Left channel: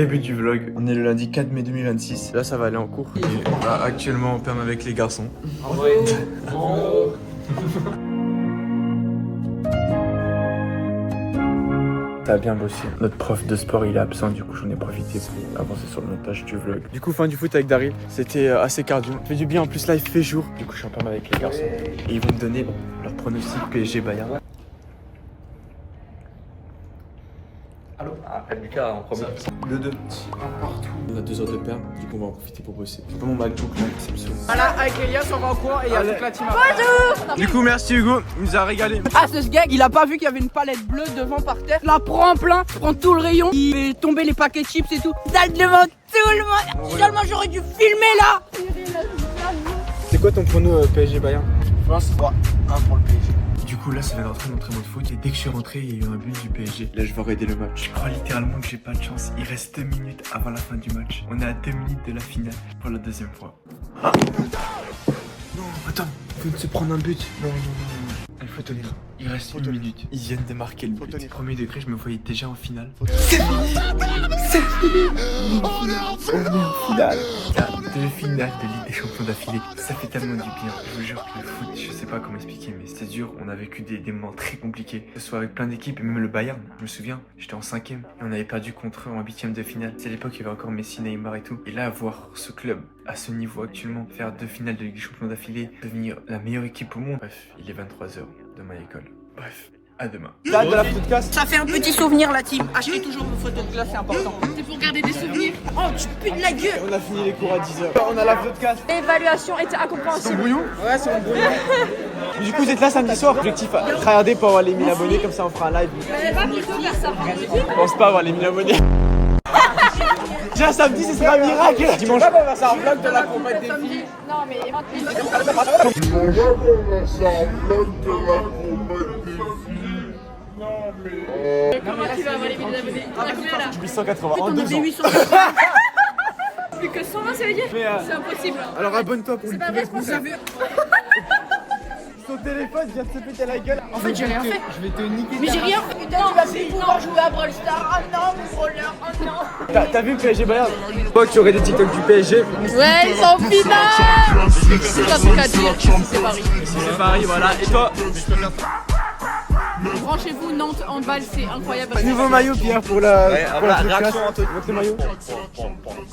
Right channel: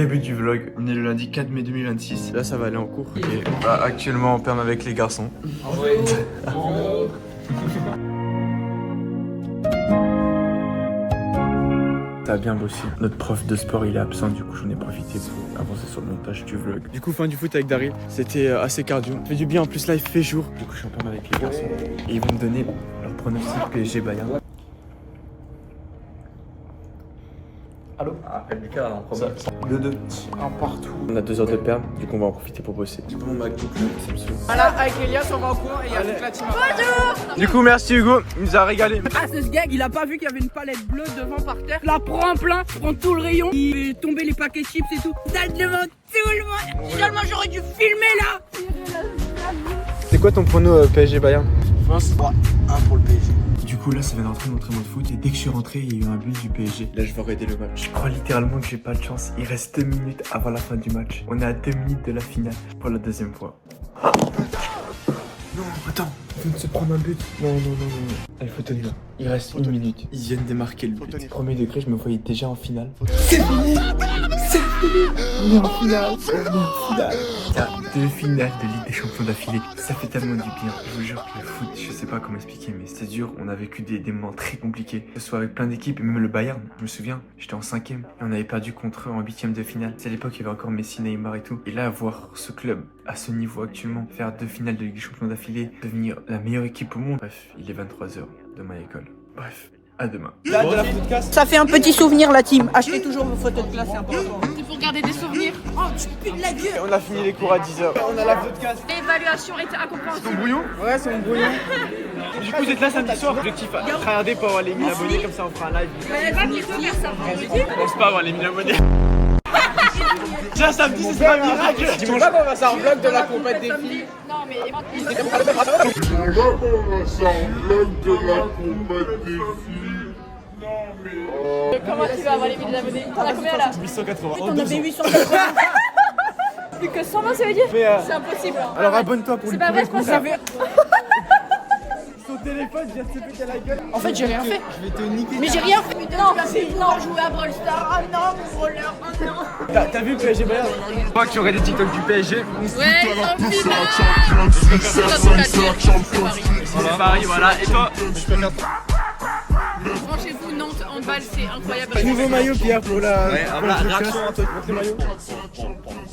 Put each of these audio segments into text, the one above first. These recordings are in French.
Début du vlog, on est le lundi 4 mai 2026. Là ça va aller en cours. Et bah, actuellement on perme avec les garçons. Ça a bien bossé. Notre prof de sport il est absent, du coup j'en ai profité pour avancer sur le montage du vlog. Du coup fin du foot avec Daryl, c'était assez cardio. Ça fait du bien, en plus là il fait jour. Du coup je suis en perme avec les garçons. Et ils vont me donner leur pronostic PSG Bayern. Allô? Ah, Lucas en premier. 2-2. Un partout. On a 2 heures de perm, du coup on va en profiter pour bosser. C'est mon MacBook là, ça me saoule. Voilà, avec Elias on va en cours et il y a toute la team. Bonjour. Du coup merci Hugo, il nous a régalé. Ah ce gars, il a pas vu qu'il y avait une palette bleue devant par terre. La prend en plein, prend tout le rayon. Il est tombé les paquets de chips et tout. Dalle devant tout le monde. Finalement j'aurais dû filmer là. C'est quoi ton prono PSG Bayern? 1 pour le PSG. Du coup là ça vient d'entrer dans l'entraînement de foot et dès que je suis rentré il y a eu un but du PSG. Là je vais regarder le match. Je crois littéralement que j'ai pas de chance. Il reste 2 minutes avant la fin du match. On est à 2 minutes de la finale pour la deuxième fois. Non attends, il vient de se prendre un but. Non. Il faut tenir. Il reste 1 minute. Ils viennent de marquer le but. Premier degré, je me voyais déjà en finale. C'est fini. En finale. Il y a 2 finales de Ligue des Champions d'affilée. Ça fait tellement du bien. Je vous jure que le foot, je sais pas comment expliquer, mais c'est dur. On a vécu des moments très compliqués. Que ce soit avec plein d'équipes, et même le Bayern. Je me souviens, j'étais en 5ème et on avait perdu contre eux en 8ème de finale. C'est à l'époque, il y avait encore Messi, Neymar et tout. Et là, voir ce club à ce niveau actuellement, faire 2 finales de Ligue des Champions d'affilée, devenir la meilleure équipe au monde. Bref, il est 23h de ma école. Bref, à demain. Ça fait un petit souvenir la team. Achetez toujours vos photos de classe, c'est important. C'est pour garder des souvenirs. Oh, tu pues de la gueule. On a fini les cours à 10h. On a la photo de classe. L'évaluation était incompréhensible. Brouillon? Ouais, c'est mon brouillon. Du coup, c'est là samedi soir. Objectif, regarder pour avoir les 1000 abonnés, comme ça on fera un live. Mais pas qu'il faut faire ça. Je pense pas avoir les 1000 abonnés. Déjà samedi, ce sera un miracle. Dimanche, on va faire ça en vlog de la compète des filles. Non, mais comment tu vas avoir les 1000 abonnés? T'en as combien là? 880. T'en avais 880. Plus que 120, ça veut dire? Mais, C'est impossible. alors abonne-toi pour lui pas prouver le vrai, contraire. Son téléphone vient de se péter la gueule. En fait j'ai rien fait. Je vais te niquer. Mais j'ai rien fait. Non, jouer à Brawl Stars. Ah non, mon voleur. Oh non. T'as vu le PSG Bayern? Toi qui aurais des TikTok du PSG. Ouais, en finale. C'est Paris, voilà. Et toi? Branchez-vous, Nantes en balle, c'est incroyable. Nouveau maillot Pierre pour la... Ouais, la réaction un peu. Votre maillot.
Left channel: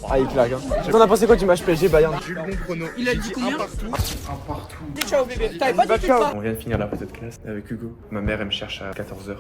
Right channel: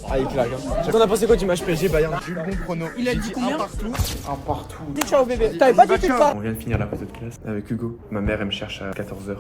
Ah il claque hein. T'en as pensé quoi du match PSG Bayern? Bon prono. Il a dit combien? Un partout. Dis ciao bébé. T'avais pas dit ça? On vient de finir la photo de classe avec Hugo. Ma mère elle me cherche à 14h.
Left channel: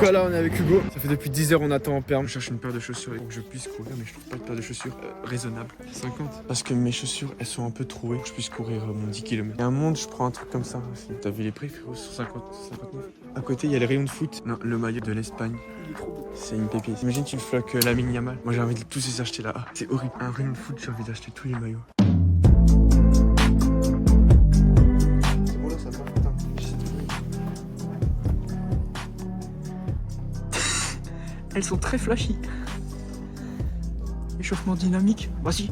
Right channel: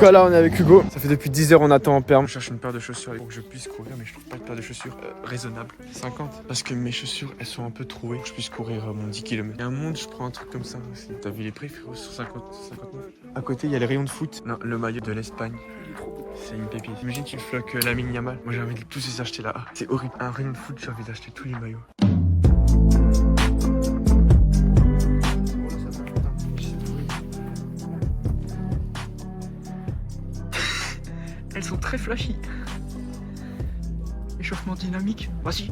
Là on est avec Hugo, ça fait depuis 10 heures on attend en perme. Je cherche une paire de chaussures pour que je puisse courir, mais je trouve pas de paire de chaussures raisonnable. 50 parce que mes chaussures elles sont un peu trouées, que je puisse courir mon 10 km. Il y a un monde, je prends un truc comme ça aussi. T'as vu les prix frérot, sur 59. À côté il y a les rayons de foot. Non, le maillot de l'Espagne. C'est une pépite. Imagine tu floques Lamine Yamal. Moi j'ai envie de tous les acheter là. Ah, c'est horrible. Un rayon de foot, j'ai envie d'acheter tous les maillots. Elles sont très flashy. Échauffement dynamique. Voici.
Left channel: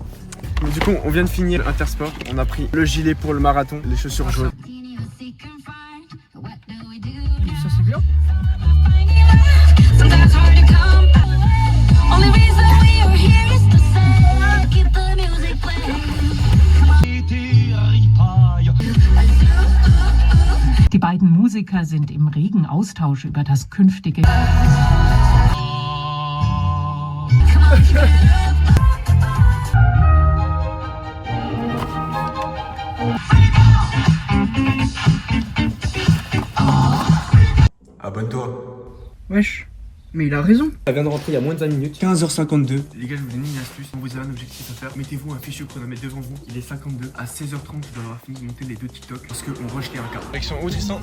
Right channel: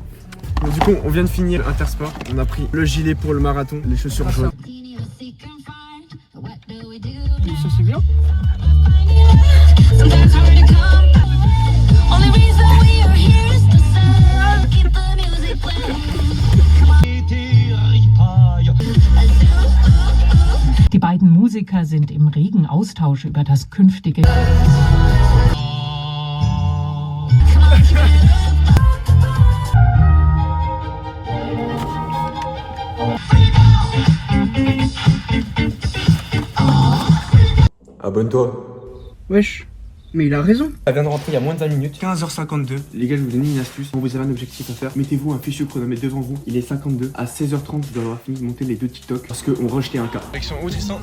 Mais du coup, on vient de finir Intersport. On a pris le gilet pour le marathon, les chaussures jaunes. Ça c'est bien. Die beiden Musiker sind im regen Austausch über das künftige... Abonne-toi. Wesh. Mais il a raison. Elle vient de rentrer il y a moins de 20 minutes, 15h52. Les gars, je vais vous donner une astuce. Quand vous avez un objectif à faire, mettez-vous un fichier qu'on va mettre devant vous. Il est 52. À 16h30, je dois avoir fini de monter les 2 TikTok parce qu'on rush les 1K. Direction où, Tristan?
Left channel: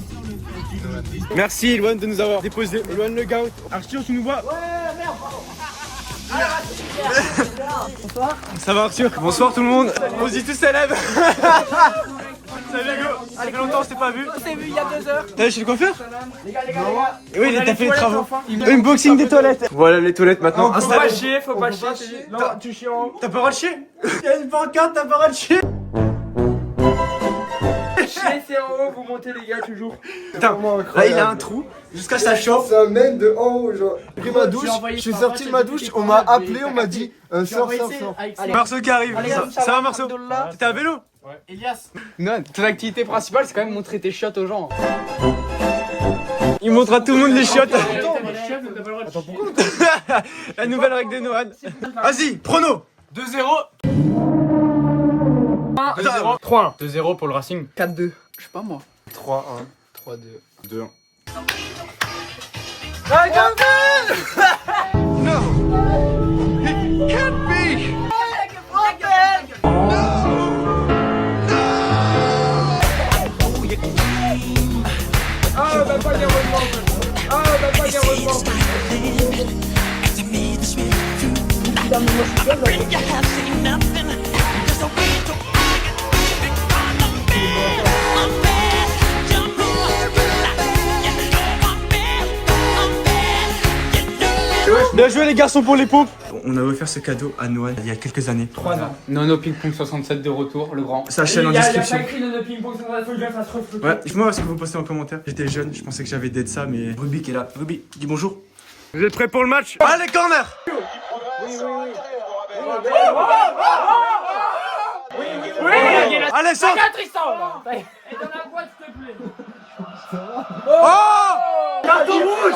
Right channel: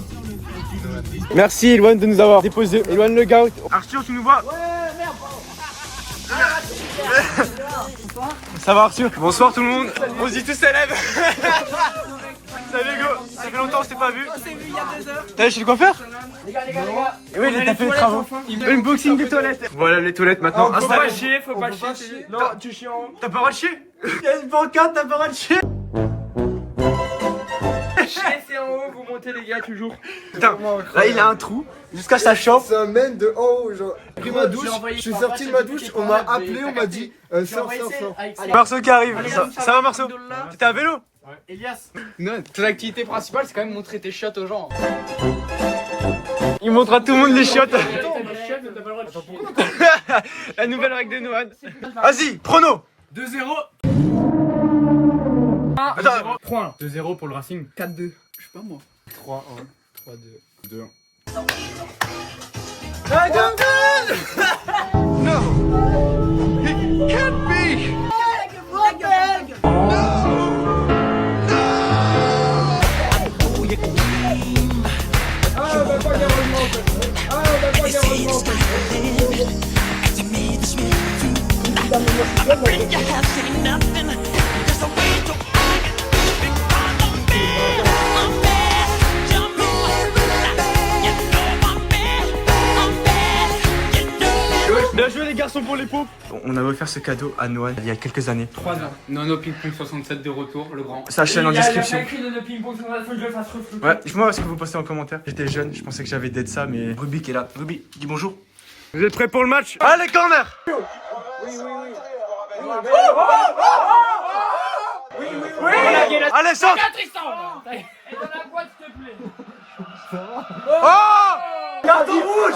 Merci Elwan de nous avoir déposé. Elwan le gars. Arthur, tu nous vois? Ouais, merde. Ça va Arthur? Bonsoir tout le monde. Posité célèbre. Salut Hugo, ça fait longtemps que je t'ai pas vu. On s'est vu il y a 2 heures. T'es chez le coiffeur? Les gars, les gars. Oui, t'as fait les travaux. Unboxing des toilettes. Voilà les toilettes maintenant. Faut pas chier, faut pas chier. Non, tu chies en haut. T'as pas le droit de chier? Il y a une pancarte, t'as pas le droit de chier. Chier, c'est en haut, vous montez les gars toujours. Putain, là il a un trou jusqu'à sa chambre. Ça mène de en haut, genre. J'ai pris ma douche, je suis sorti de ma douche, on m'a appelé, on m'a dit sors. Marceau qui arrive. Ça va Marceau? T'es à vélo? Elias, non, ton activité principale c'est quand même montrer tes chiottes aux gens. Il montre à tout le monde les chiottes. La nouvelle règle des Noan. Vas-y, prono. 2-0. Attends, 3-1. 2-0 pour le Racing. 4-2. Je sais pas moi. 3-1. 3-2. 2-1. No. It can't be. Bien joué les garçons pour les pompes. On a offert ce cadeau à Noël il y a quelques années. 3 ans. Nono Ping Pong 67 de retour, le grand. Sa chaîne en description. Ouais. Ouais, dites-moi ce que vous postez en commentaire. J'étais jeune, je pensais que j'avais d'être ça, mais Ruby qui est là. Ruby, dis bonjour. Vous êtes prêts pour le match? Allez, corner! Oui. Allez, sors! Oh! Carton rouge!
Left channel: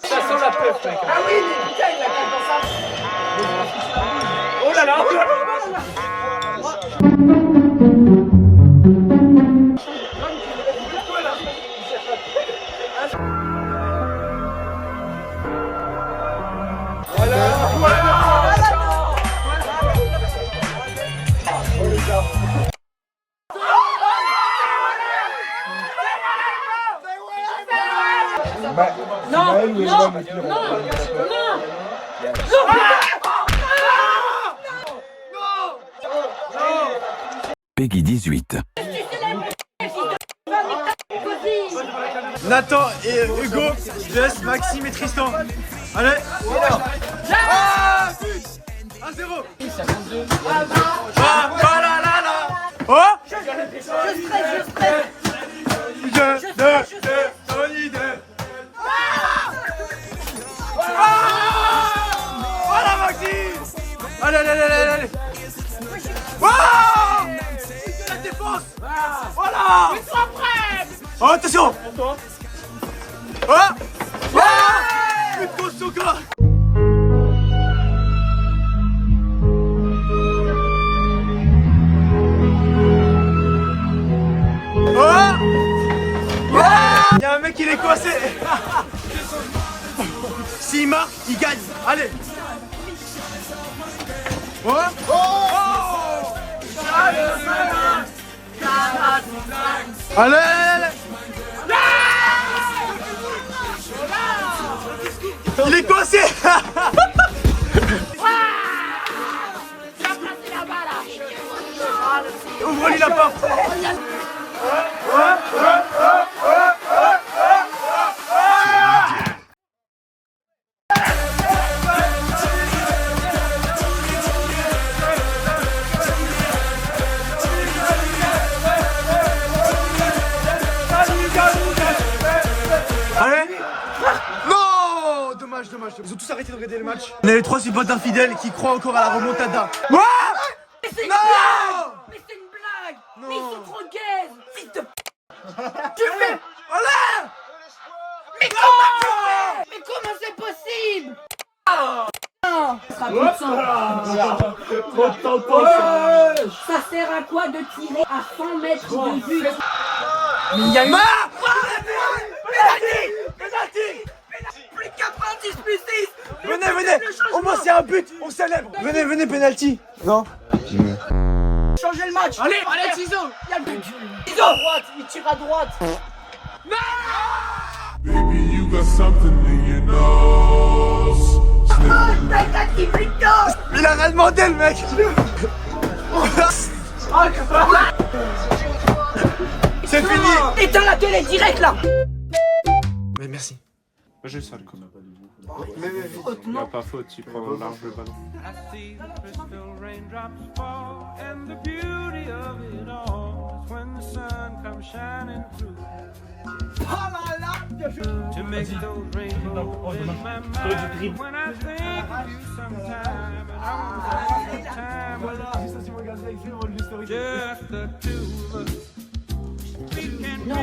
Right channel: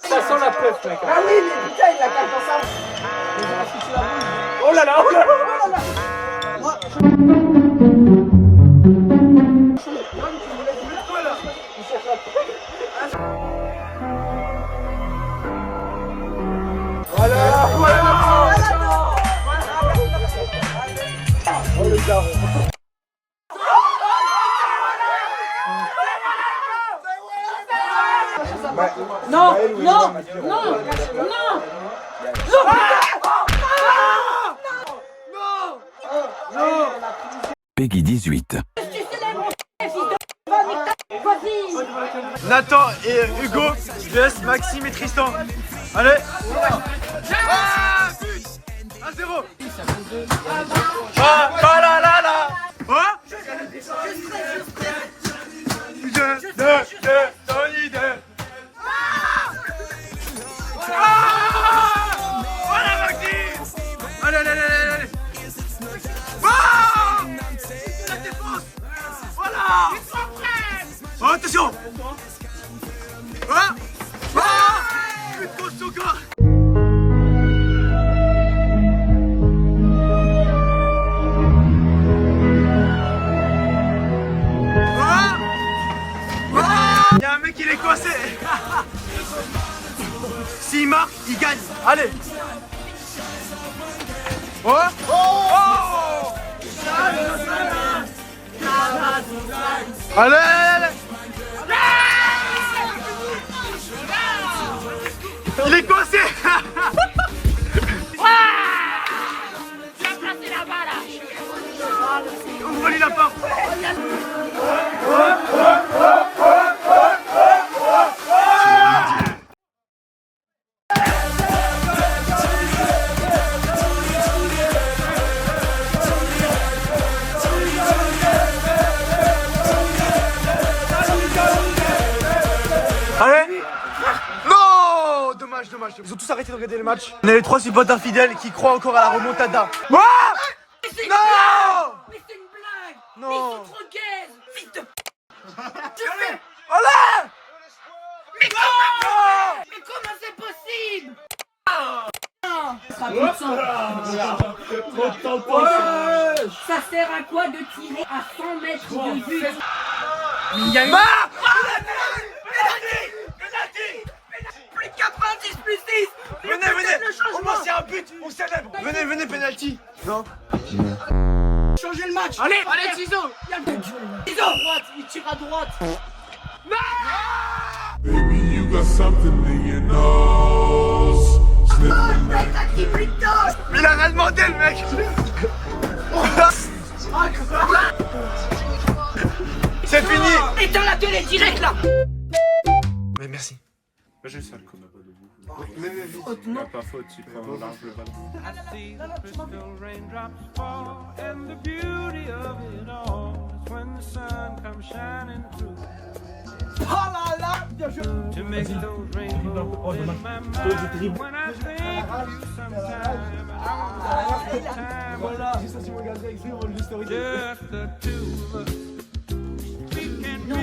Ça sent la pêche, mec. Oh là là! Peggy 18. Nathan et Hugo vs Maxime et Tristan. Allez! Ah, 1-0. Ah, la la la. Oh! Tony 2. Voilà Maxime. Allez. Ah! La défense. Voilà. Oh, attention. Ah! Plus de coach encore. Il y a un mec qui est coincé. S'il marque, il gagne. Allez. Allez. Il est coincé. Ouvre-lui la porte. Allez. Non. Dommage. Ils ont tous arrêté de regarder le match. On a les 3 supporters fidèles qui croient encore à la remontada. Non. Mais c'est une blague. Non. Mais ils sont trop gays. Fils de... Tu fais... Allez. Mais comment c'est possible? Ça sert à quoi de tirer à 100 mètres de but? Penalty. Plus 90 plus 6. Venez. Au moins c'est un but. but, on célèbre. Venez, penalty. Non. Changez le match. Allez, ciseaux. Ciseaux à droite, il tire à droite. Baby, you got something in your nose. Sniffing like Il a rien demandé le mec. C'est fini. Éteins la télé direct là. Mais merci. Moi j'ai le seul. Non. Pas faute, tu prends large le ballon.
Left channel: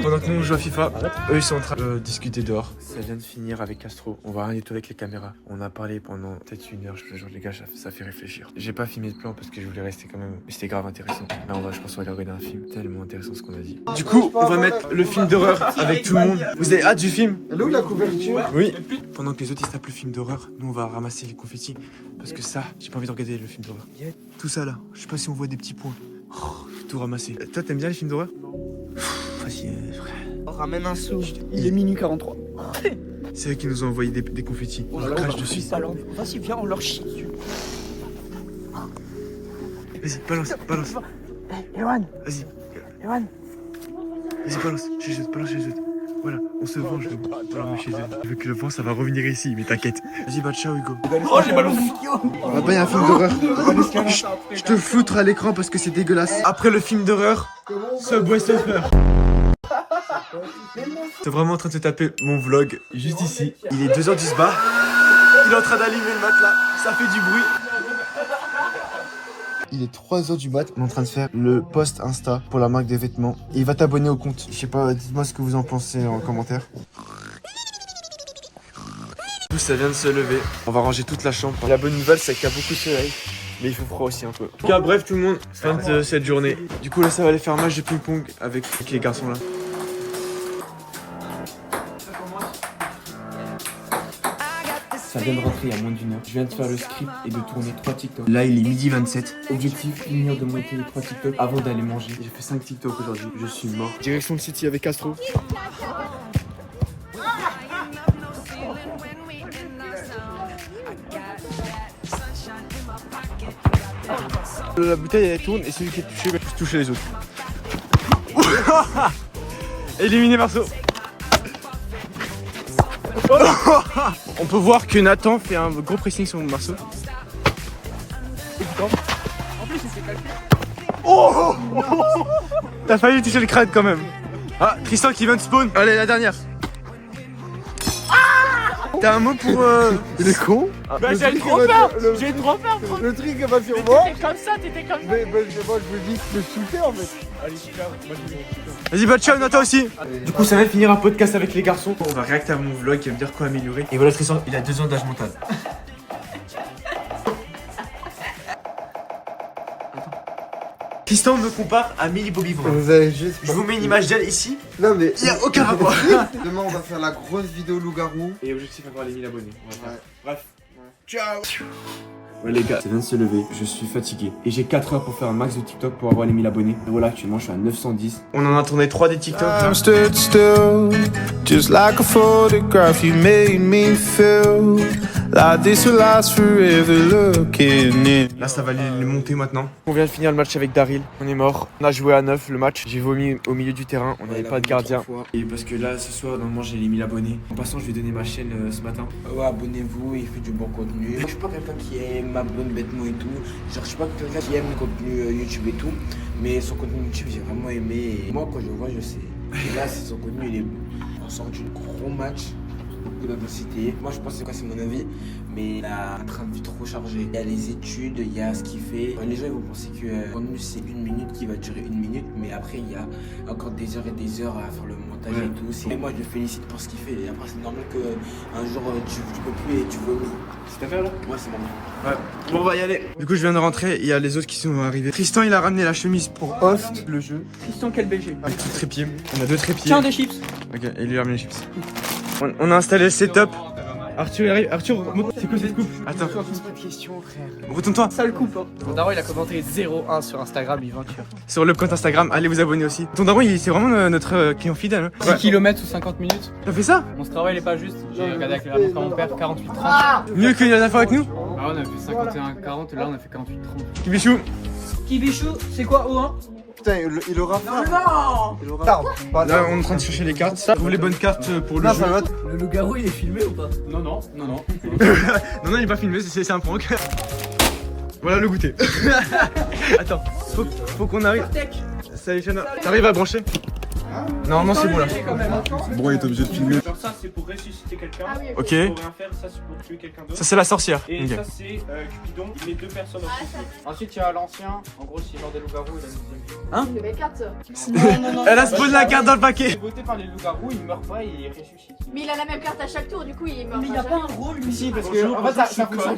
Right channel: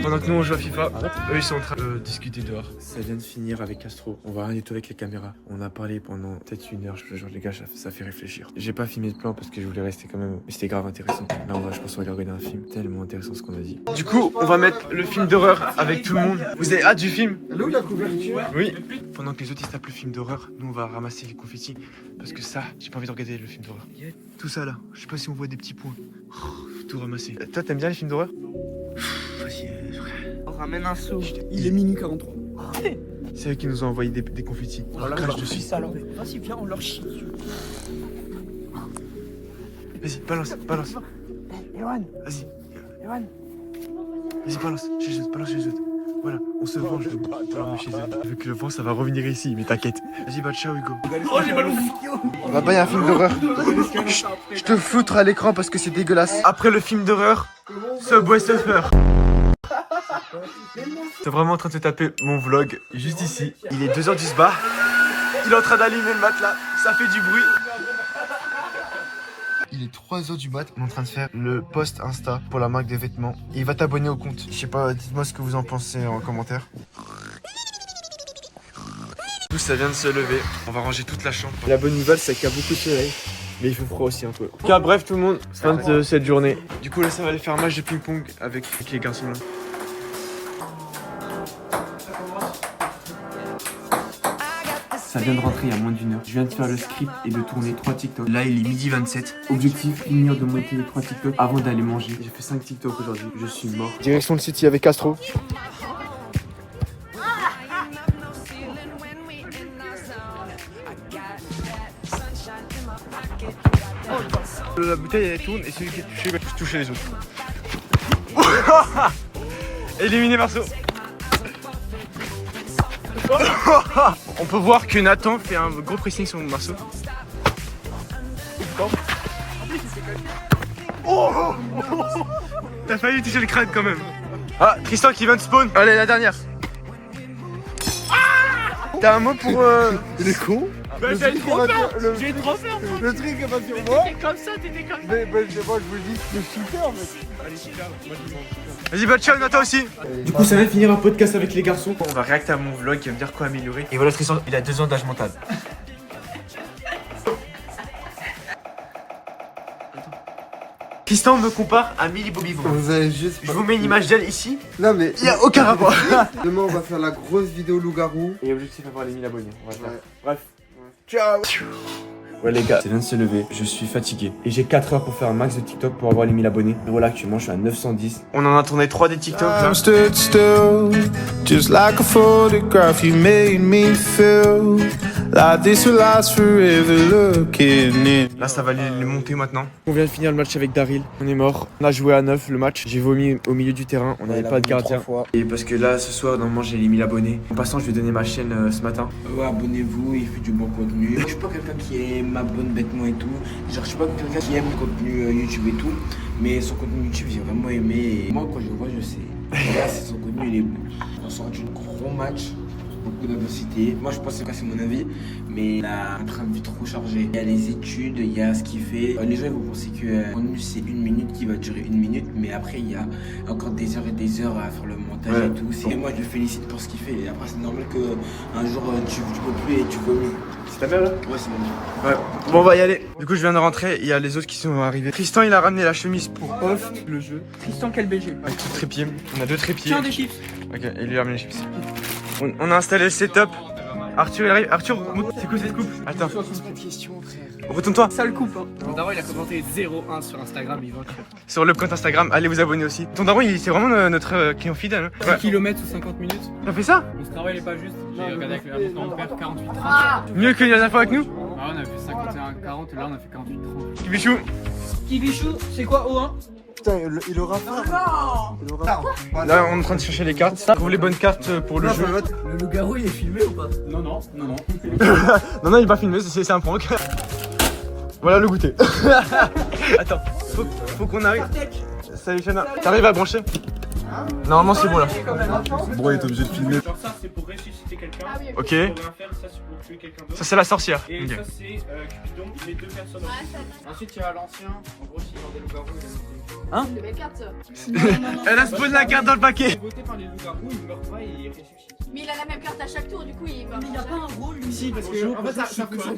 Pendant que nous on joue à FIFA, eux ils sont en train de discuter dehors. Ça vient de finir avec Castro. On va rien du tout avec les caméras. On a parlé pendant peut-être 1 heure. Je te jure les gars, ça fait réfléchir. J'ai pas filmé de plan parce que je voulais rester quand même. Mais c'était grave intéressant. Là je pense qu'on va aller regarder un film. Tellement intéressant ce qu'on a dit. Du coup, on va mettre le film d'horreur avec tout le monde. Vous avez hâte du film? Elle est où la couverture? Oui. Pendant que les autres ils se tapent le film d'horreur, nous on va ramasser les confettis. Parce que ça, j'ai pas envie de regarder le film d'horreur. Tout ça là, je sais pas si on voit des petits points. Tout ramasser. Toi t'aimes bien les films d'horreur? On ramène un sou. Il est minuit 43. C'est eux qui nous ont envoyé des confettis. On leur crache dessus. Alors, vas-y, viens, on leur chie dessus. Vas-y, balance. Ewan, Vas-y, Ewan. vas-y, balance chez eux. Voilà, on se venge chez eux. Je veux que le vent, ça va revenir ici, mais t'inquiète. Vas-y, bah ciao Hugo. Oh, j'ai mal au On va pas y a un film d'horreur. Je te foutre à l'écran parce que c'est dégueulasse. Après le film d'horreur, Subway Surfer. T'es vraiment en train de se taper mon vlog juste ici. Il est 2h du spa. Il est en train d'allumer le matelas. Ça fait du bruit. Il est 3h du mat. On est en train de faire le post Insta pour la marque des vêtements. Et il va t'abonner au compte. Je sais pas, dites-moi ce que vous en pensez en commentaire. Tout ça vient de se lever. On va ranger toute la chambre. La bonne nouvelle, c'est qu'il y a beaucoup de soleil. Mais il fait froid aussi un peu. En tout cas, bref, tout le monde, fin de cette journée. Du coup, là, ça va aller faire un match de ping-pong avec les garçons là. Ça vient de rentrer il y a moins d'1 heure. Je viens de faire le script et de tourner 3 TikTok. Là, il est 12h27. Objectif, finir de monter les 3 TikTok avant d'aller manger. J'ai fait 5 TikTok aujourd'hui. Je suis mort. Direction le City avec Castro. La bouteille elle tourne et celui qui est touché va toucher les autres. Éliminé Marceau. On peut voir que Nathan fait un gros pressing sur Marceau. T'as failli toucher le crâne quand même. Ah, Tristan qui vient de spawn. Allez, la dernière. T'as un mot pour Il est con. J'ai trop peur. J'ai trop peur. Le truc est pas sur moi. T'étais comme ça, t'étais comme ça. Mais moi je veux juste le shooter en fait. Vas-y, bah ciao Nathan aussi. Du coup, ça vient de finir un podcast avec les garçons. On va réacter à mon vlog qui va me dire quoi améliorer. Et voilà, Tristan, il a 2 ans d'âge mental. Tristan me compare à Millie Bobby Brown. Vous avez juste. Je vous mets une image d'elle ici. Non mais. Il y a aucun rapport. Demain on va faire la grosse vidéo loup-garou. Et objectif avoir les 1000 abonnés. On va faire. Ouais. Bref. Ciao. Ouais les gars, ça vient de se lever, je suis fatigué. Et j'ai 4 heures pour faire un max de TikTok pour avoir les 1000 abonnés. Et voilà, actuellement je suis à 910. On en a tourné 3 des TikTok. I'm stood still, just like a photograph. You made me feel like this will last forever. Looking in. Là ça va les monter maintenant. On vient de finir le match avec Daryl. On est mort. On a joué à 9 le match. J'ai vomi au milieu du terrain. On n'avait pas de gardien. Et parce que là ce soir normalement j'ai les 1000 abonnés. En passant je vais donner ma chaîne ce matin. Ouais, abonnez-vous, il fait du bon contenu. Je suis pas quelqu'un qui aime ma bonne vêtements et tout. Genre, je suis pas quelqu'un qui aime le contenu YouTube et tout. Mais son contenu YouTube, j'ai vraiment aimé. Et moi, quand je le vois, je sais. Et là, son contenu, il est bon. On sort d'un gros match. Beaucoup d'intensité. Moi, je pense que c'est mon avis. Mais il a un train de vie trop chargé. Il y a les études, il y a ce qu'il fait. Les gens ils vont penser que le contenu c'est 1 minute qui va durer 1 minute. Mais après, il y a encore des heures et des heures à faire le montage et tout. Et moi, je le félicite pour ce qu'il fait. Et après, c'est normal qu'un jour, tu peux plus et tu vomis. C'est ta belle là? Ouais, c'est bon. Ouais. Bon, on va y aller. Du coup, je viens de rentrer. Il y a les autres qui sont arrivés. Tristan, il a ramené la chemise pour host le jeu. Tristan, quel BG. Avec tout trépied. On a 2 trépieds. Tiens, des chips. Ok, et lui a ramené les chips. On a installé le setup. Arthur il arrive. Arthur, c'est quoi cette coupe? Attends. Pas de question, frère. Retourne-toi. Seule coupe. Mon daron, il a commenté 0-1 sur Instagram, il va tuer. Sur le compte Instagram, allez vous abonner aussi. Ton daron, c'est vraiment notre client fidèle. 10 km ou 50 minutes. T'as fait ça? Mon travail n'est pas juste. J'ai regardé avec la montre à mon père, 48-30. Mieux que la dernière fois avec nous? Bah, on a fait 51-40 et là, on a fait 48-30. Kibichou. Kibichou, c'est quoi O1? Putain, il aura faim. Il aura faim. Là, on est en train de chercher les cartes. Trouve les bonnes cartes pour le jeu. Le loup-garou, il est filmé ou pas? Non, non, non, non. Non, il est pas filmé, c'est un prank. Voilà le goûter. Attends, faut qu'on arrive. Salut Chana, t'arrives à brancher? Normalement c'est bon là. Bro, il est obligé de filmer. Genre ça c'est pour ressusciter quelqu'un. Ok. Pour rien faire, ça c'est pour tuer quelqu'un d'autre. Ça c'est la sorcière. Et Ok. ça c'est Cupidon, les deux personnes en couple. Ensuite, il y a l'ancien. En gros, s'il est dans des loups-garous, il a une Le mec carte. Elle a spawn la carte dans le Il paquet. est voté par les loups-garous, il meurt pas et il ressuscite. Mais il a la même carte à chaque tour, du coup il meurt. Mais il a pas un rôle, lui. Si, parce que en fait, ça fonctionne.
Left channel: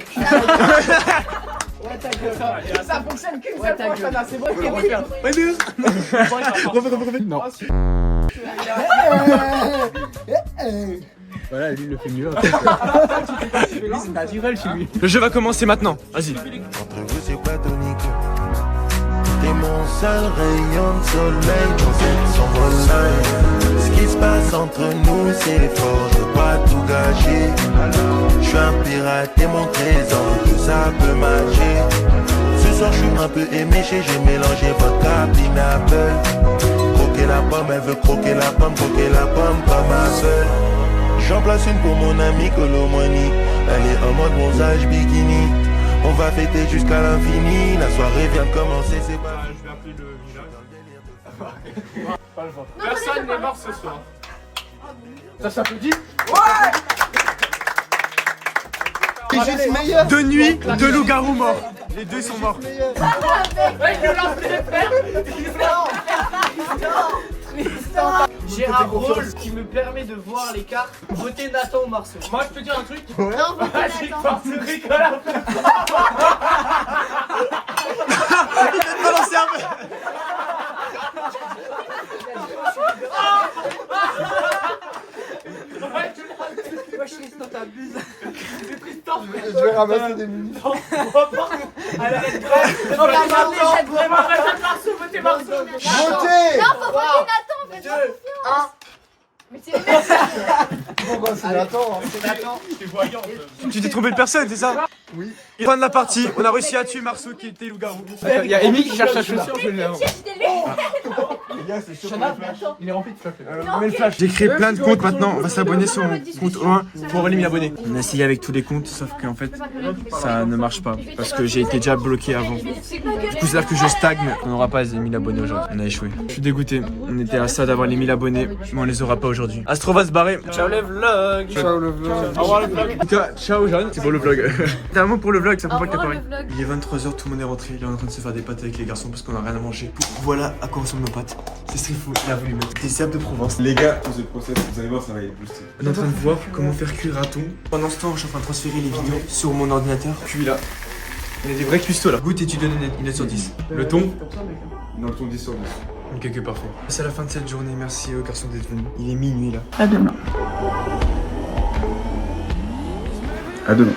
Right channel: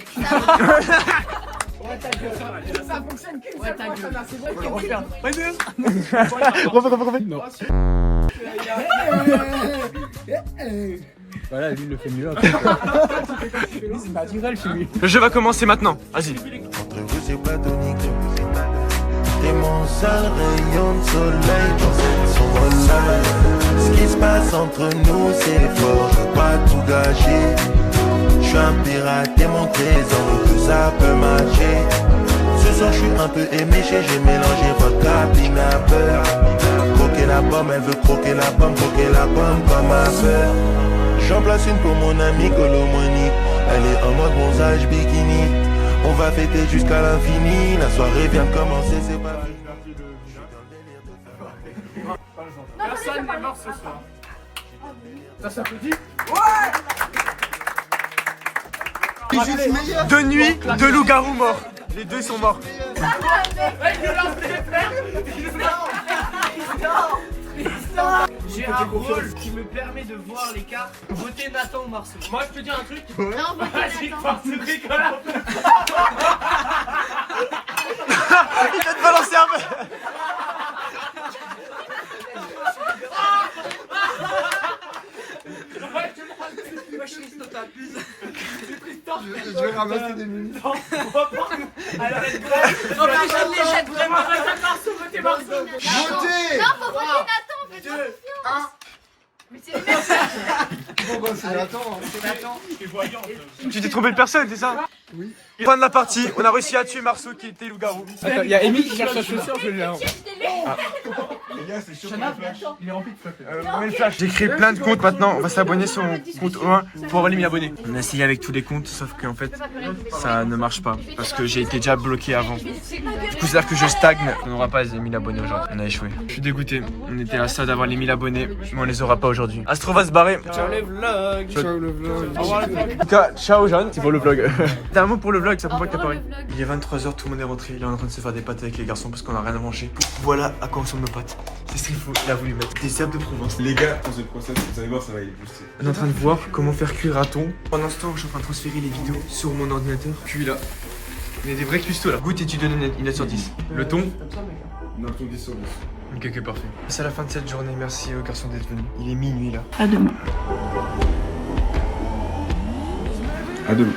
Ça fonctionne qu'une seule fois, ça n'a c'est vrai que Non. Voilà, lui il le fait mieux. C'est naturel chez lui. Le jeu va commencer maintenant. Vas-y. Entre vous c'est platonique. T'es mon seul rayon de soleil dans cette sombre light. Ce qui se passe entre nous c'est fort, je veux pas tout gâcher. Je suis un pirate et mon trésor, nous deux ça peut matcher. Ce soir je suis un peu éméché, j'ai mélangé vodka, pineapple. Croquer la pomme, elle veut croquer la pomme comme Apple. J'en place une pour mon ami Colomoni. Elle est en mode bronzage bikini. On va fêter jusqu'à l'infini. La soirée vient de commencer, c'est pas fini. Personne n'est mort ce soir. Ça s'applaudit. Deux nuits, deux loups-garous morts. Les deux sont morts. J'ai un rôle qui me permet de voir les cartes. Votez Nathan ou Marceau. Moi je peux dire un truc. Non, Vas-y, force Nicolas. Il vient de balancer un peu. Je vais ramasser des minutes. Votez. Non, faut voter Nathan, fais confiance. Mais c'est Bon bah c'est Nathan. T'es voyant. Tu t'es trompé de personne, c'est ça? Oui. Fin de la partie, on a réussi à tuer Marceau qui était loup-garou. Il y a Amy qui cherche sa chaussure, je l'ai avant. Les gars, c'est chaud. Il est rempli de flash. J'ai créé plein de comptes maintenant, on va s'abonner sur mon compte O1 pour avoir les 1000 abonnés. On a essayé avec tous les comptes, sauf qu'en fait, ça ne marche pas. Parce que j'ai été déjà bloqué avant. Du coup, c'est-à-dire que je stagne, on n'aura pas les 1000 abonnés aujourd'hui. On a échoué. Je suis dégoûté, on était à ça d'avoir les 1000 abonnés, mais on les aura pas aujourd'hui. Astro va se barrer. Ciao les vlogs. Ciao le vlog. Au revoir le vlog. En tout cas, ciao Jeanne, c'est pour le vlog. T'as un mot pour le vlog, ça prend pas que t'as parlé. Il est 23h, tout le monde est rentré, il est en train de se faire des pâtes avec les garçons parce qu'on a rien à manger. Voilà à quoi ressemblent nos pâtes. C'est ce qu'il faut, il a voulu mettre des herbes de Provence. Les gars, pour ce process, vous allez voir, ça va être boosté. On est en train de voir comment faire cuire un thon. Pendant ce temps, je suis en train de transférer les vidéos sur mon ordinateur. Cuit là. On est des vrais custos là. Goûte et tu donnes une note sur 10. Le thon. Dans le ton 10 sur 10. Ok, parfait. C'est la fin de cette journée, merci aux garçons d'être venus. Il est minuit là. À demain. À demain.